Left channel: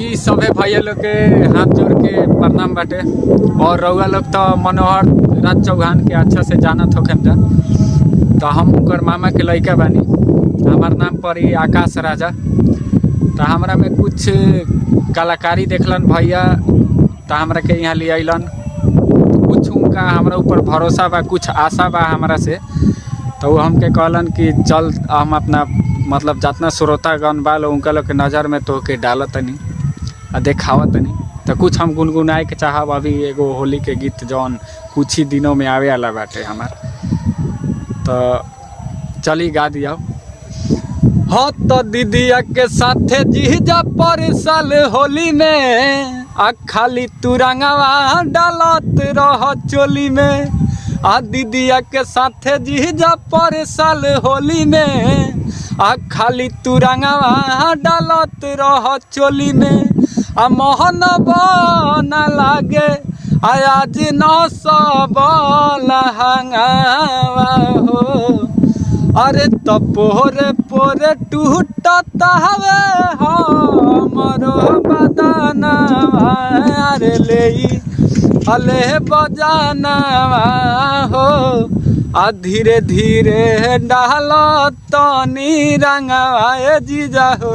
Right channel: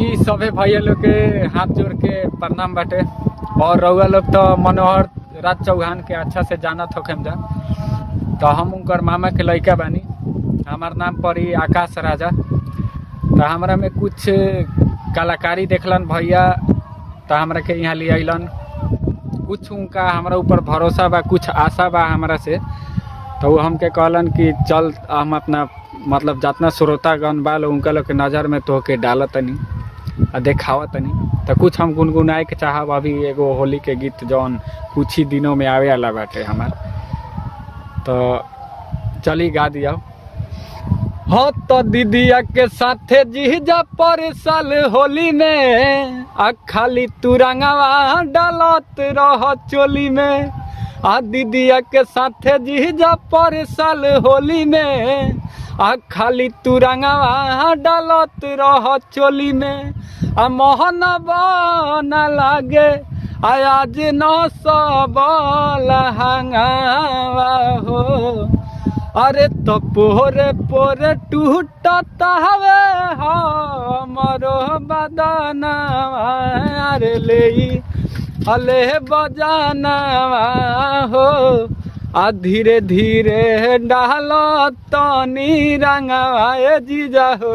जी सभे भैया लोग के हाथ जोड़ के प्रणाम बाटे। और रउआ लोग तो मनोहर राज चौहान के अच्छा से जानत होखेम जा। तो हम उनकर मामा के लड़का बानी। हमार नाम पड़ी आकाश राजा। तो हमरा में कुछ कलाकारी देखलन भैया, तो हमरा के यहाँ ले अलन। कुछ उनका हमरा ऊपर भरोसा बा, कुछ आशा बा हमरा से। तो वो हमके कहलन कि चल हम अपना मतलब जितना श्रोतागण बा लोग उनका लोग के नज़र में तो के डालत तनी आ देखावत तनी। तो कुछ हम गुनगुनाए के चाहब अभी एगो होली के गीत जौन कुछ ही दिनों में आवे वाला बाटे हमार। तो चली गा दिया। हाँ तो दीदिया के साथे जीजा पर साल होली में आ खाली तू रंगवा डालत रह चोली में। आ दीदिया के साथे जीजा पर साल होली में आ खाली तू रंगवा डालत रह चोली में। आ मोहन बना लागे आज न सब लहंगावा हो। अरे तो पोरे पोरे टूटता हवे हमरो बदनवा। अरे ले अले बजानवा हो। आ धीरे धीरे डालो तनी रंगवा जीजा हो।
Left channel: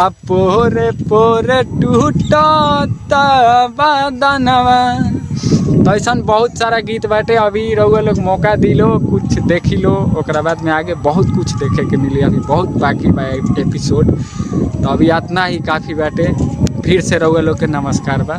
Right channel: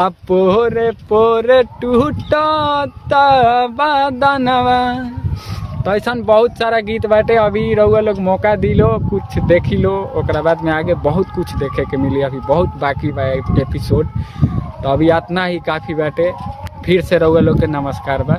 आ पोरे पोरे टूटता बदनवा। तो ऐसा बहुत सारा गीत बाटे। अभी रउआ लोग मौका दिलो, कुछ देखी लो, ओकरा बाद में आगे बहुत कुछ देखे के मिली। अभी बहुत बाकी बा एपिसोड। तो अभी इतना ही काफ़ी बाटे। फिर से रउआ लोग के नमस्कार बा।